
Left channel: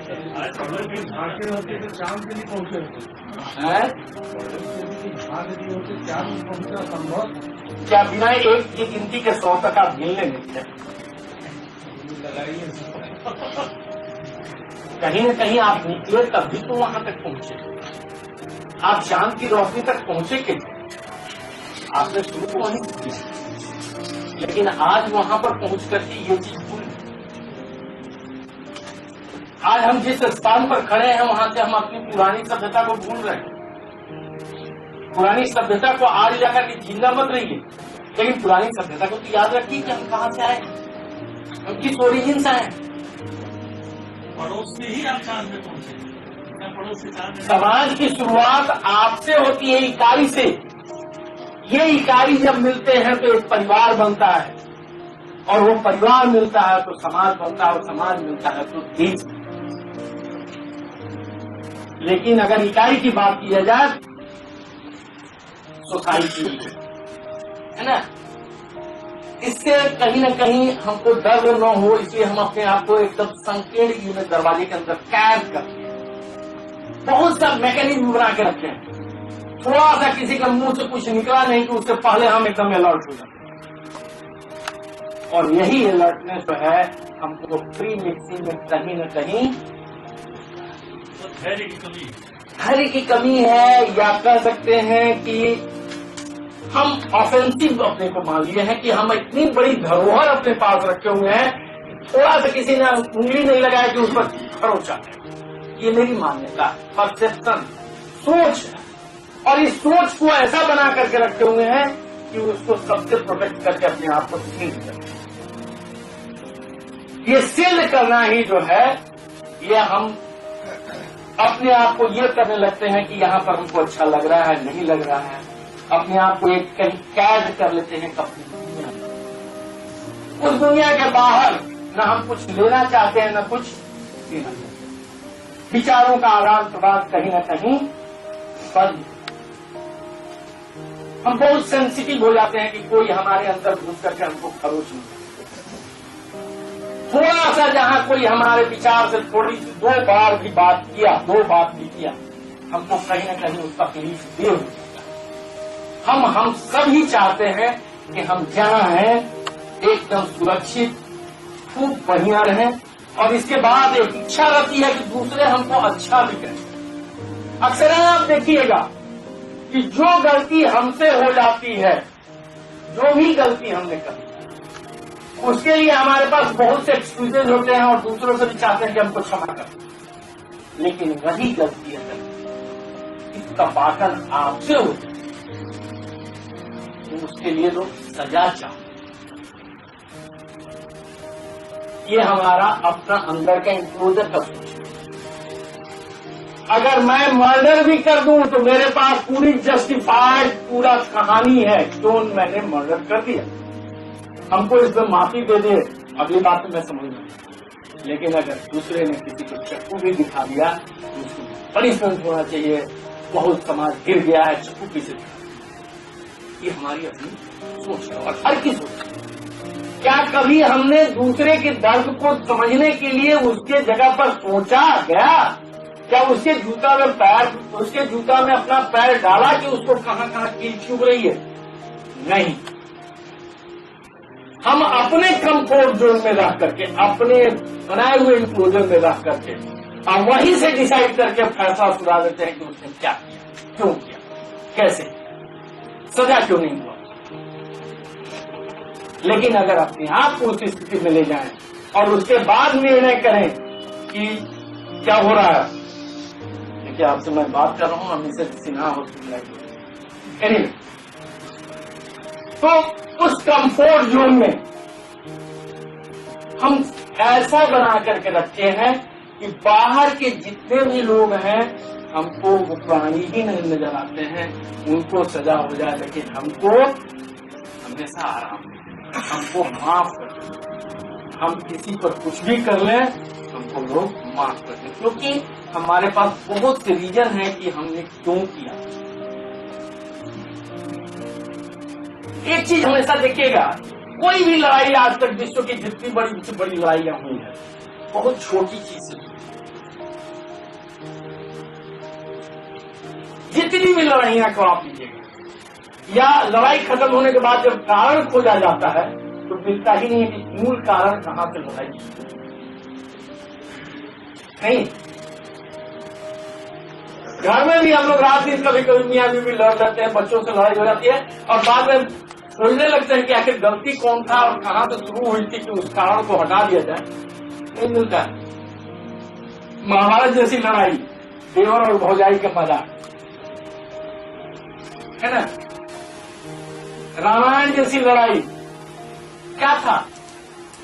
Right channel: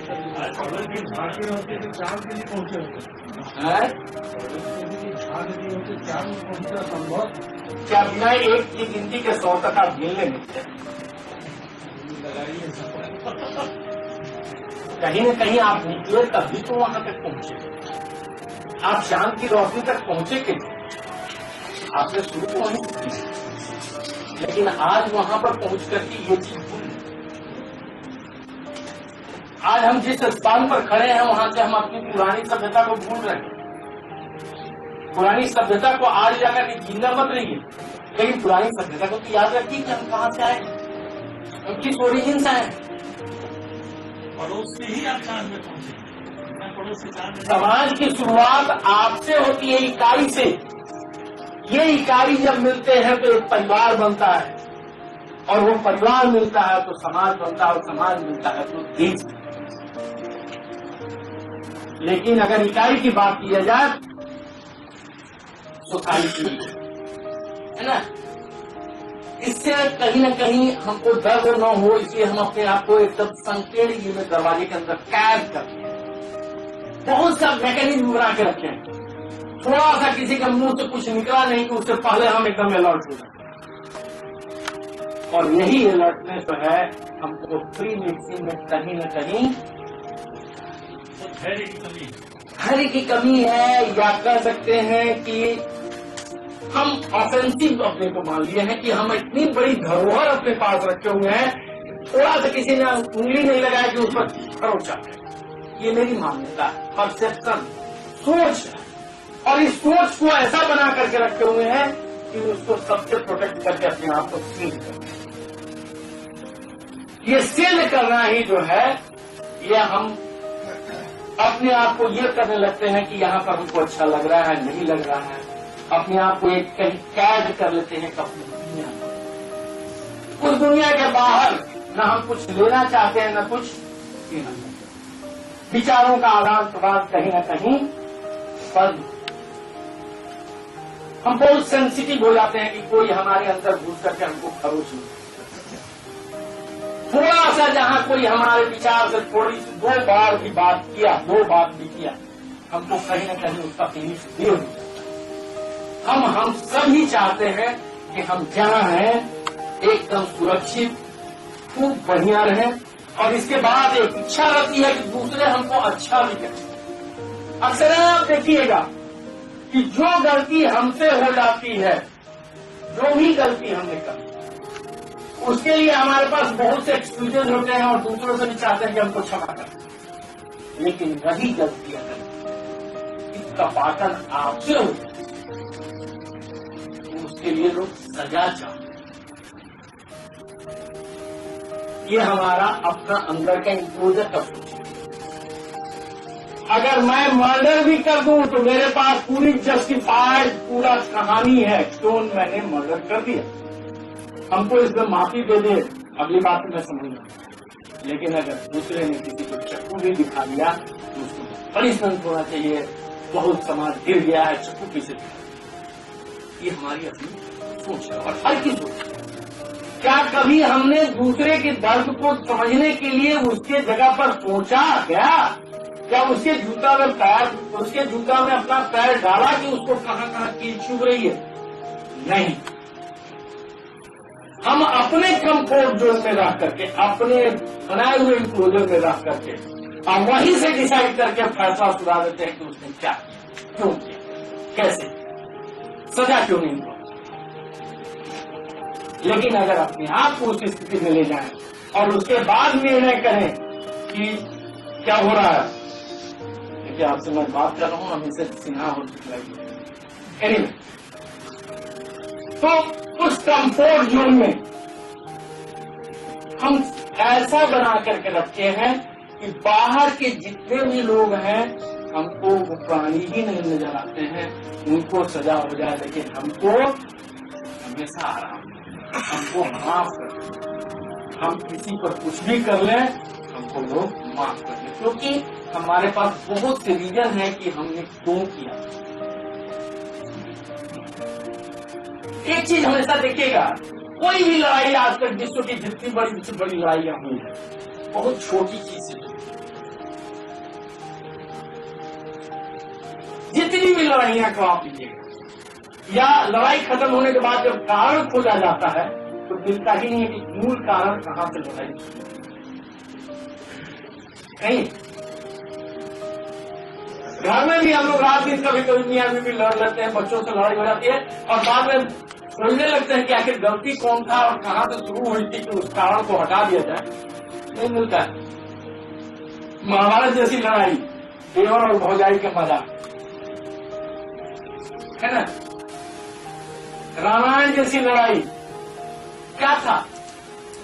झांके होते तो चांद के लिए पहुंचे होते, झांक दिए होते चांद में पहुंचना संभव। क्या बिना एक की गिनती के 100 तक आप गिन लेंगे क्या? कहीं न कहीं आप निकले तभी तो वहां तक पहुंचे। आप चांद की रोशनी तक पहुंचे कि आपने शुरू तो वहीं की, लेकिन आज वहां पर पहुंच करके ये चीज भूल। आज हम जिस स्थान पर खड़े हैं वहां से हम अपनी पुरानी सभ्यता को भूल रहे हैं। पुरानी सभ्यता को आज जाकर के जिंदा मत रहिए, लेकिन पुरानी सभ्यता को तो याद रखिए कि हम कहां से आए, हम किस ओरिजिन से आए। पड़ोस से ही आप चांद में पहुंचे, या पड़ोस से चांद में। समाज की शुरुआत आपसे होती है, इकाई से। ये इकाई जब मिलते हैं तो एक परिवार बनता है, और वो परिवार मिलता है तो समाज बनता है, और समाज मिलता है तो देश। लेकिन अगर इकाई की बात की जाए, सोसाइटी है ना, इससे कहीं न कहीं हमको डर न हो, इसलिए हम अपने आप को एकदम संकीर्ण में दरवाजे के अंदर कैद करते हैं। बहुत सा मैकेनिज्म बना के रखे हैं। थोड़ा सा किसी का मुंह से कुछ निकला नहीं कि उससे पहले हम एकदम अलर्ट हो जाते हैं। और यही अलर्टनेस जो है हमको प्री मिक्सिंग में कहीं न कहीं तो धैर्य की कमी है, या कह सकते हैं कि हम ऑफेंसिव अपने को मान लिए हैं कि हम इतनी बड़ी धरोहर अपने पास रखे हुए हैं, थोड़ा सा किसी ने उंगली नहीं लगाया कि उस पर खरोंच आता है। ये मेरी मान्यता है, परसेप्शन, सोच है। और इस सोच को ऐसा बना करके रखे हुए हैं कि उसको सबसे प्रोटेक्ट करके अपने आप को सील करते। ये सील करना ही जो है, ये हम अपने आप को ये करने लगते हैं कि यहाँ पर हमको अच्छा लग रहा है, नहीं लग रहा है। अपने आप को एक कहीं कैद कर लेते हैं अपनी दुनिया में। उस दुनिया के बाहर न हम कुछ लेना चाहते हैं, न कुछ देना चाहते हैं। विचारों का आदान प्रदान कहीं न कहीं बंद। हम बहुत सेंसिटिव हो जाते हैं कि कोई हमारे अंदर घुस करके हमको खरोच नहीं। थोड़ा सा जहां कोई हमारे विचार से थोड़ी सी 2 बार भी बात किया, 2 बात भी किया, हमको कहीं न कहीं उसका तकलीफ दे हो जाता है। हम सभी चाहते हैं कि हम जहां हैं एकदम सुरक्षित, खूब बढ़िया रहें, और इसके बाद एक इच्छा रहती है कि दूसरे हमको अच्छा भी करें। अक्सर आप देखिएगा कि जो गलती हमसे हो जाती है, जो भी गलती हमने करी, उसके लिए हमारे पास बहुत से एक्सक्यूजेज होते हैं, और दूसरों से भी चाहते हैं कि हमको क्षमा करें। लेकिन वही गलती अगर इत्तफाकन आपसे होती है तो उसके लिए लोग सजा चाहते हैं। ये हमारा अपना अंदर का इंक्लोजर का सोच है। अगर मैं मर्डर भी कर दूं तो मेरे पास पूरी जस्टिफाइड पूरा कहानी है क्यों मैंने मर्डर कर दिया। हमको इसमें माफी दे दे अगली बात तो मैं समझ लूँ, लेकिन अगर दूसरे ने किसी को चक्कू भी दिखा दिया तो उसको पनिशमेंट होना चाहिए। बहुत समाज गिर गया है चक्कू पीछे दिखा। ये हमारी अपनी सोच है और हर की सोच है। क्या कभी हमने दूसरे के दर्द को समझने के लिए उसके जगह पर सोचा गया? क्या उसके जूता में अपना पैर डाला कि उसको कहां कहां कील चुभ रही है? नहीं। हम अपने कंफर्ट जोन में रह करके, अपने बनाए हुए इंक्लोजर में रह करके और वहीं से डिसाइड करके फैसला सुना देते हैं कि उसने क्या किया, क्यों किया, कैसे, सजा क्यों नहीं हुआ। लेकिन अगर अपने आप को उस स्थिति में ले जाएं और उसके बाद निर्णय करें कि क्या हो रहा है। देखिए आपसे मैं बात कर रहा हूं, अभी से सिन्हा हॉस्पिटल एनीवे, तो उस कंफर्ट जोन में हम ऐसा बना करके रखे हैं कि बाहर के जितने भी लोग हैं हमको वो प्राणी ही नहीं नजर आते हैं। उनको सजा हो जाए लेकिन हमको हमेशा आराम मिले, हमको माफ कर दें। हम किसी पर कुछ भी कर लें हमको लोग माफ कर दें, क्योंकि हमारे पास बहुत से रीजन है कि हमने क्यों किया। एक चीज हमेशा देखिएगा, कोई भी लड़ाई आज तक विश्व की जितनी बड़ी से बड़ी लड़ाइयां हुई है बहुत छोटी चीज से हुई। जितनी भी लड़ाइयां को आप लीजिएगा या लड़ाई खत्म होने के बाद जब कारण खोजा जाता है तो मिलता ही नहीं है कि मूल कारण कहां से लड़ाई नहीं। घर में भी हम लोग रात दिन कभी कभी मियां बीवी लड़ लेते हैं, बच्चों से लड़ाई हो जाती है और बाद में सोचने लगते हैं कि आखिर गलती कौन था और कहां से शुरू हुई थी कि उस कारण को हटा दिया जाए। नहीं मिलता है। महाभारत जैसी लड़ाई, देवर और भौजाई का मजाक है ना। रामायण जैसी लड़ाई क्या था?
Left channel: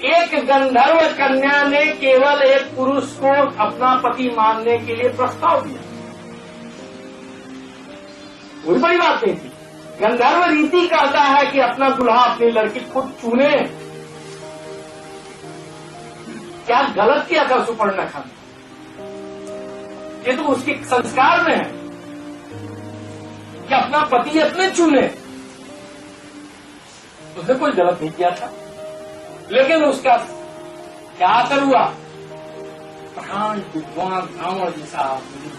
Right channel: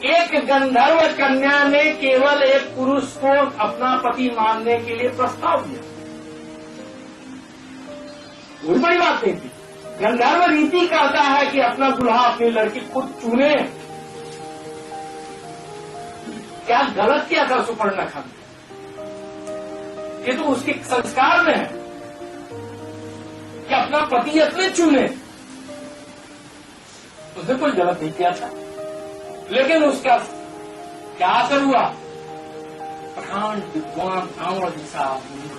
एक गंधर्व कन्या ने केवल एक पुरुष को अपना पति मानने के लिए प्रस्ताव दिया। कोई बड़ी बात नहीं थी। गंधर्व रीति कहता है कि अपना दुल्हा अपनी लड़की खुद चुने। क्या गलत किया था सुपर्णखा ने? ये तो उसके संस्कार में है कि अपना पति अपने चुने। उसने कोई गलत नहीं किया था, लेकिन उसका क्या असर हुआ? प्रधान विद्वान रावण जैसा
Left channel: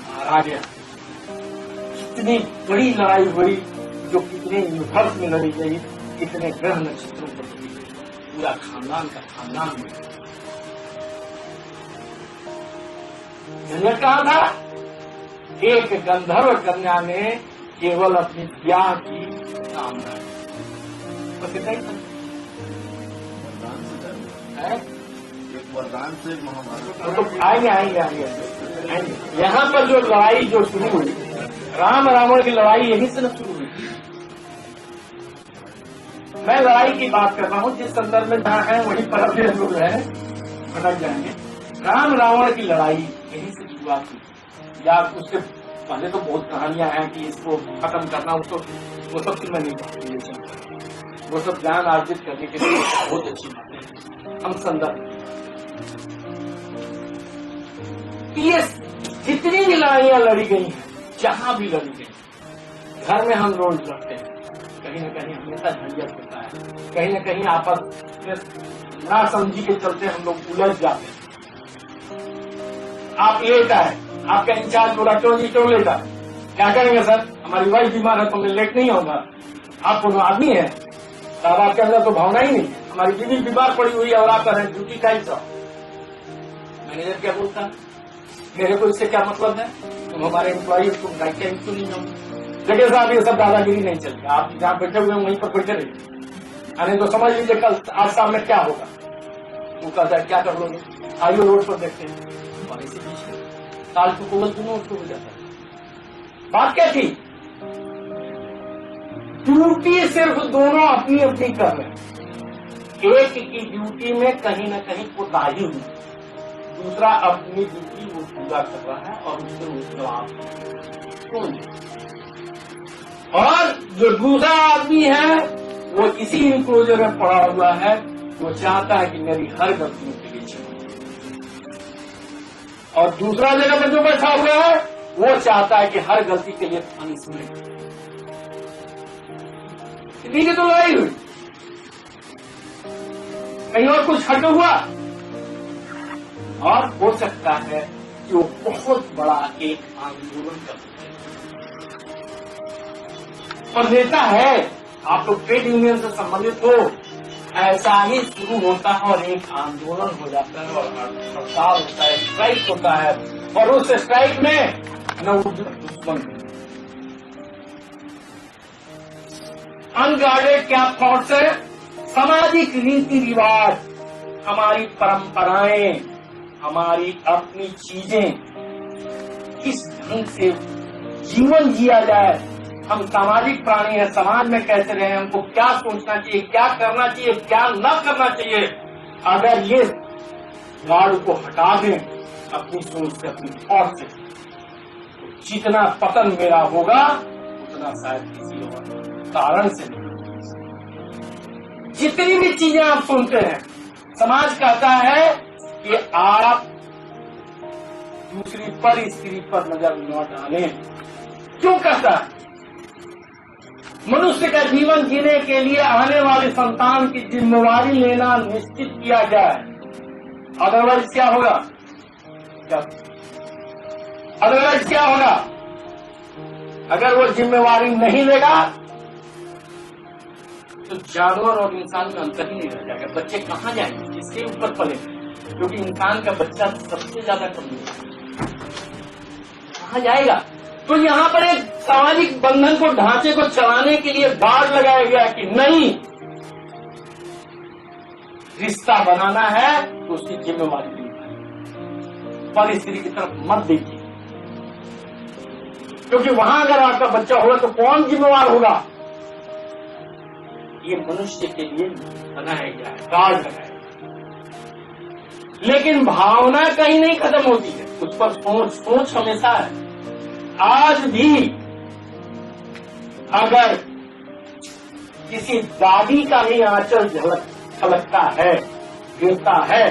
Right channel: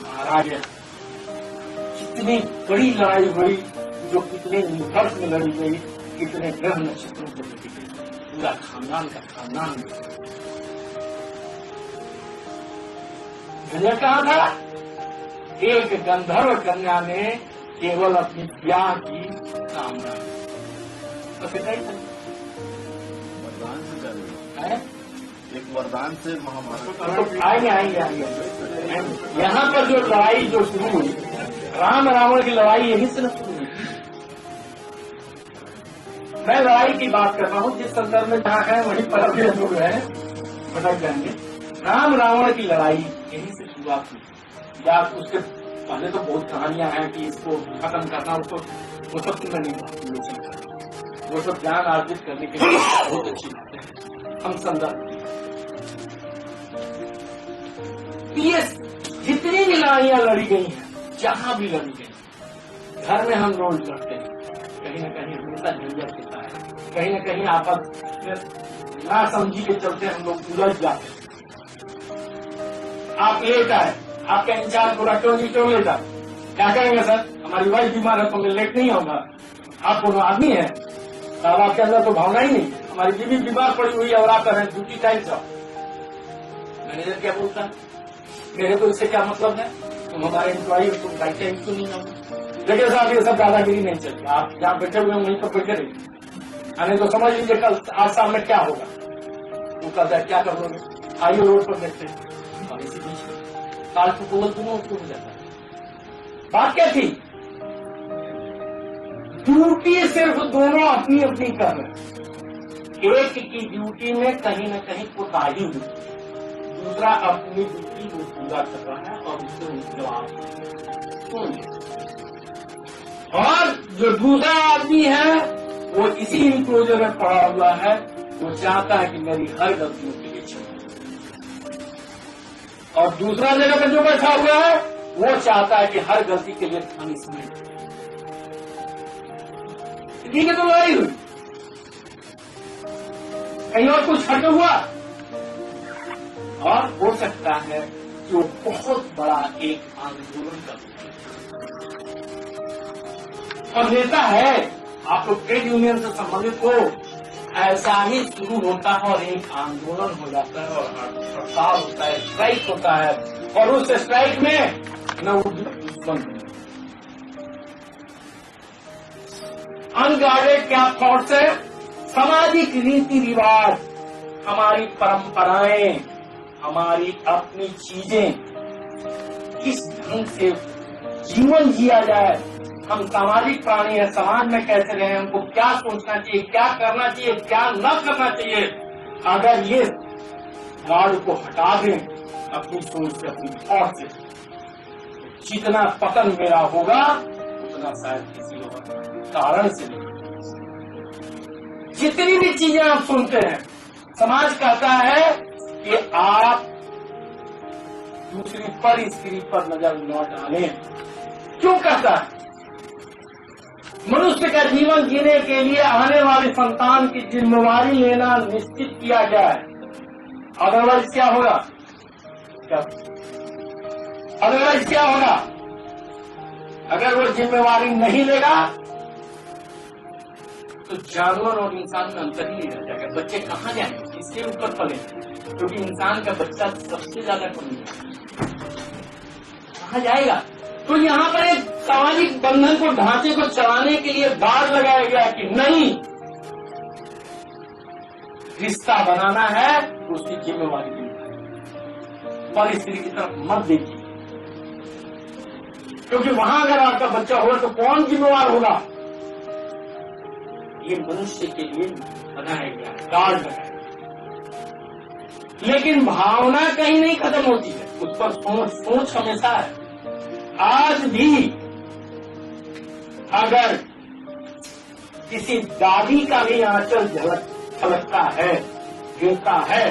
मारा गया। कितनी बड़ी लड़ाई हुई जो कितने यूनिवर्स में लड़ी गई, कितने ग्रह नक्षत्रों पर लड़ी गई, पूरा खानदान का खानदान में। झंझट कहां था? एक गंधर्व कन्या ने केवल अपनी ब्याह की कामना की। बस इतना ही था। वरदान से जाएगा, है? एक वरदान से महाभारत तो आएंगे। यहाँ पर जो लड़ाई जो शुरू हुई, राम रावण की लड़ाई यहीं से न शुरू हुई। मैं लड़ाई की बात कर रहा हूँ जिस संदर्भ में जहाँ है वहीं पर अभी लोग हैं भटक जाएंगे। राम रावण की लड़ाई यहीं से शुरुआत हुई, या उसके पहले तो बहुत कहानियां हैं कि इसको खत्म करना, उसको वो सब की मैं नहीं बात, वो सब ज्ञान अर्जित करने के लिए बहुत अच्छी बातें हैं। हम संदर्भ ये जितनी भी लड़ाइयां लड़ी गई हैं, जहां भी लड़ी गई, घर में हम रोज लड़ते हैं, कहीं न कहीं हमेशा झंझट होता है, कहीं न कहीं आपस में ना समझी के चलते हम लोग उलझ जाते हैं। आप लेट आए, आपका इंचार्ज बोला क्यों जी क्यों लेट आए? क्या करेंगे सर, हमारी वाइफ बीमार है तो मैं लेट नहीं होगा। आप कोनो आदमी है साहब, आपके अंदर तो भावना ही नहीं है। हमारी बीवी बीमार पड़ी हुई है और आप कर रहे हैं ड्यूटी टाइम से। मैनेजर क्या बोलता है, मेरे को इससे क्या मतलब है, तुम हमारे एम्प्लॉई हो, तुम राइट टाइम क्यों नहीं जाओगे? देखिए साहब ये सब दादागिरी नहीं चलती, आप जहाँ बैठे हुए हैं वहीं पर बैठे रहिए, यानी तो समझ लीजिए कल आज शाम में क्या होगा। वो कहता है क्या कर लोगे, आइए रोड पर देखते हैं, और इसी बीच में काल को कोवल दोनों उसको हो जाता है। बात क्या थी? ड्यूटी सिर्फ दोनों अपनी अपनी कर रहे हैं। एक की ड्यूटी में कहीं न कहीं कोताही हुई, दूसरा अपनी ड्यूटी वो पूरा कर रहा है और उससे वो जवाब सुन ले। और जो दूसरा आदमी है वो इसी इंक्लोजर में पड़ा हुआ है, वो चाहता है कि मेरी हर गलतियों के लिए क्षमा। और दूसरा जगह पर जो बैठा हुआ है वो चाहता है कि हर गलती के लिए पनिशमेंट। ठीक है, तो लड़ाई हुई, कहीं और कुछ हट हुआ, और हो सकता है कि वो बहुत बड़ा एक आंदोलन कर सके। और नेता है, आप लोग ट्रेड यूनियन से संबंधित हो, ऐसा ही शुरू होता है और एक आंदोलन हो जाता है और हड़ताल होता है, स्ट्राइक होता है, और उस स्ट्राइक में न वो दुश्मन अनगार्डेड क्या थॉट्स है, सामाजिक रीति रिवाज, हमारी परंपराएं, हमारी अपनी चीजें, किस ढंग से जीवन जिया जाए, हम सामाजिक प्राणी हैं, समाज में कैसे रहें, हमको क्या सोचना चाहिए, क्या करना चाहिए, क्या न करना चाहिए। अगर ये गार्ड को हटा दें अपनी सोच से, अपनी थॉट से, तो जितना पतन मेरा होगा उतना शायद किसी और कारण से नहीं। जितनी भी चीजें आप सुनते हैं, समाज कहता है कि आप दूसरी पर स्त्री पर नजर न डालें। क्यों कहता है? मनुष्य का जीवन जीने के लिए आने वाली संतान की जिम्मेवारी लेना निश्चित किया जाए, अदरवाइज क्या होगा? अदरवाइज क्या होगा? अगर वो जिम्मेवारी नहीं लेगा तो जानवर और इंसान में अंतर ही नहीं रह जाएगा। बच्चे कहाँ जाएंगे, किसके ऊपर पलेंगे? क्योंकि इंसान का बच्चा सबसे ज्यादा कमजोर है, कहाँ जाएगा? तो यहाँ पर एक सामाजिक बंधन को, ढांचे को चलाने के लिए गार्ड लगाया गया कि नहीं, रिश्ता बनाना है तो उसकी जिम्मेवारी निभाइए, पर स्त्री की तरफ मत देखिए, क्योंकि वहां अगर आपका बच्चा होगा तो कौन जिम्मेवार होगा? ये मनुष्य के लिए बनाया गया है, गार्ड लगाया गया। लेकिन भावना कहीं नहीं खत्म होती है, उस पर सोच हमेशा है। आज भी अगर किसी दादी का भी आंचल छलकता है, गिरता है,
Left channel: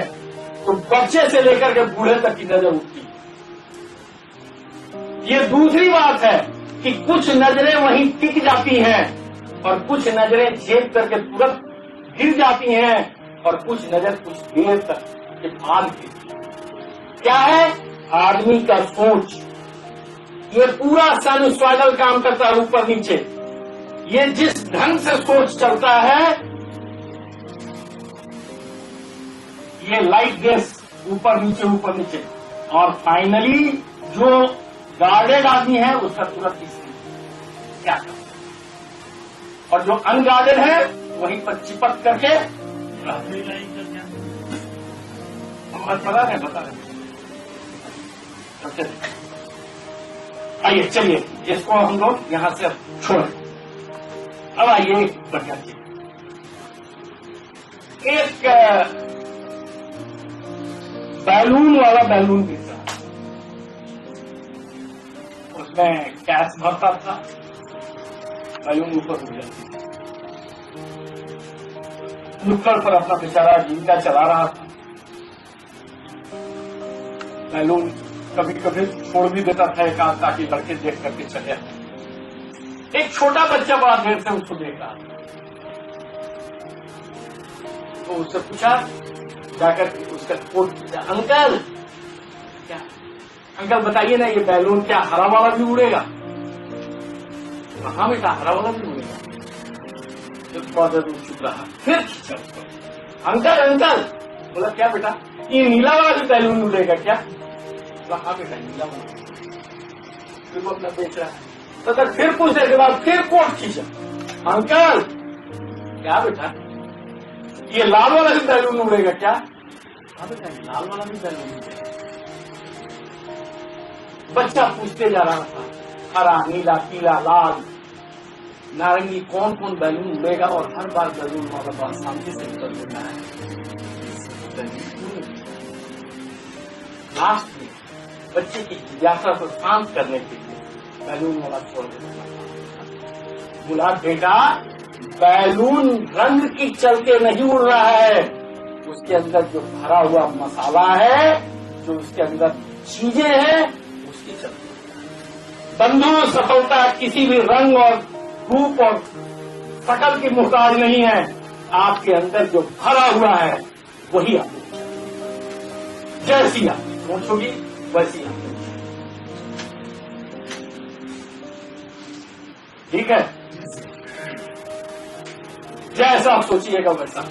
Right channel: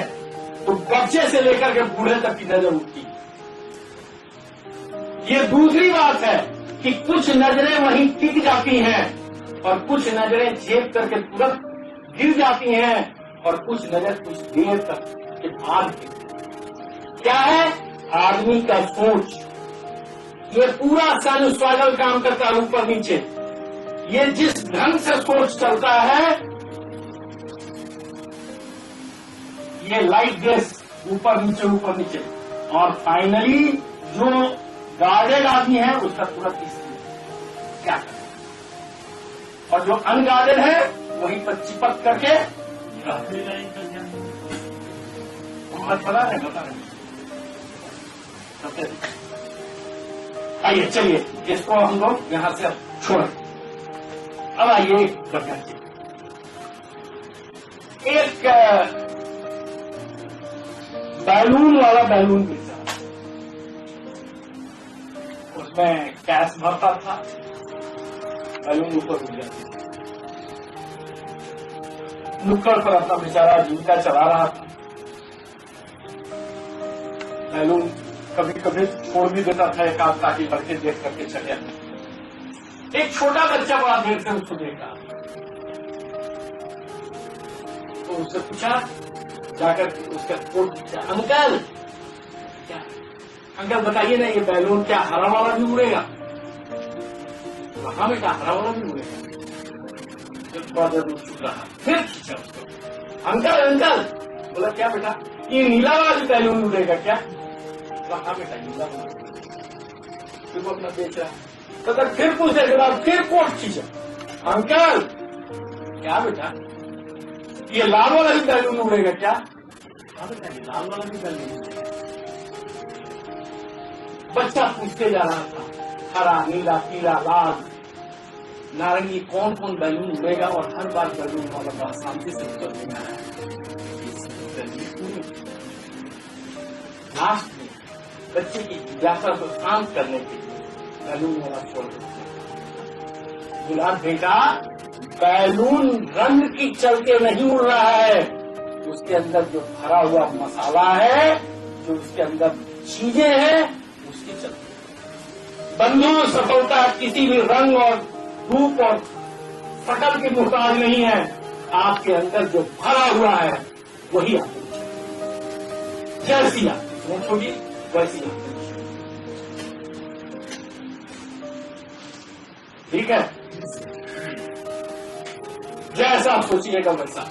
तो बच्चे से लेकर के बूढ़े तक की नजर उठती है। ये दूसरी बात है कि कुछ नजरें वहीं टिक जाती हैं और कुछ नजरें झेप करके तुरंत गिर जाती हैं और कुछ नजर कुछ देर तक के बाद गिरती। क्या है? आदमी का सोच। ये पूरा साइनसॉइडल काम करता है, ऊपर नीचे। ये जिस ढंग से सोच चलता है, ये लाइक दिस, ऊपर नीचे, और फाइनली जो गार्डेड आदमी है उसका तुरंत क्या करता है, और जो अनगार्डेड है वहीं पर चिपक करके पता नहीं। आइए, चलिए इसको हम लोग यहां से अब छोड़ें। अब आइए एक बढ़िया चीज, एक बैलून वाला बैलून गिरता है, उसमें गैस भरता था, बैलून ऊपर उड़ जाती थी। नुक्कड़ पर अपना बेचारा जीविका चला रहा था। बैलून कभी कभी छोड़ भी देता था एक आध, ताकि लड़के देख करके चले आते। एक छोटा बच्चा बड़ा देर से उसको देख रहा था, तो उससे पूछा जाकर, उसका कोट पूछा, अंकल क्या, अंकल बताइए ना, ये बैलून क्या हरा वाला भी उड़ेगा? हाँ बेटा, हरा वाला भी उड़ेगा। थोड़ा देर चुप रहा, फिर खींचा उसको, अंकल बोला क्या बेटा, ये नीला वाला भी बैलून उड़ेगा क्या? हाँ बेटा, नीला वाला। फिर वो अपना बेच रहा है, तो फिर पूछने के बाद फिर कोट खींचा, अंकल क्या बेटा, ये लाल वाला भी बैलून उड़ेगा क्या? हाँ बेटा, ये लाल वाला भी बैलून उड़ेगा। बच्चा पूछते जा रहा था, हरा, नीला, पीला, लाल, नारंगी, कौन कौन बैलून उड़ेगा, और हर बार बैलून वाला बात शांति से उत्तर देना है। लास्ट में बच्चे की जिज्ञासा को शांत करने के लिए बैलून वाला छोड़ देना। बोला बेटा बैलून रंग की चलते नहीं उड़ रहा है, उसके अंदर जो भरा हुआ मसाला है, जो उसके अंदर चीजें हैं, उसकी चलती है। बंधु सफलता किसी भी रंग और रूप और शकल की मुहताज नहीं है, आपके अंदर जो भरा हुआ है वही आपको जैसी आप सोच होगी वैसी आप। ठीक है, जैसा आप सोचिएगा वैसा।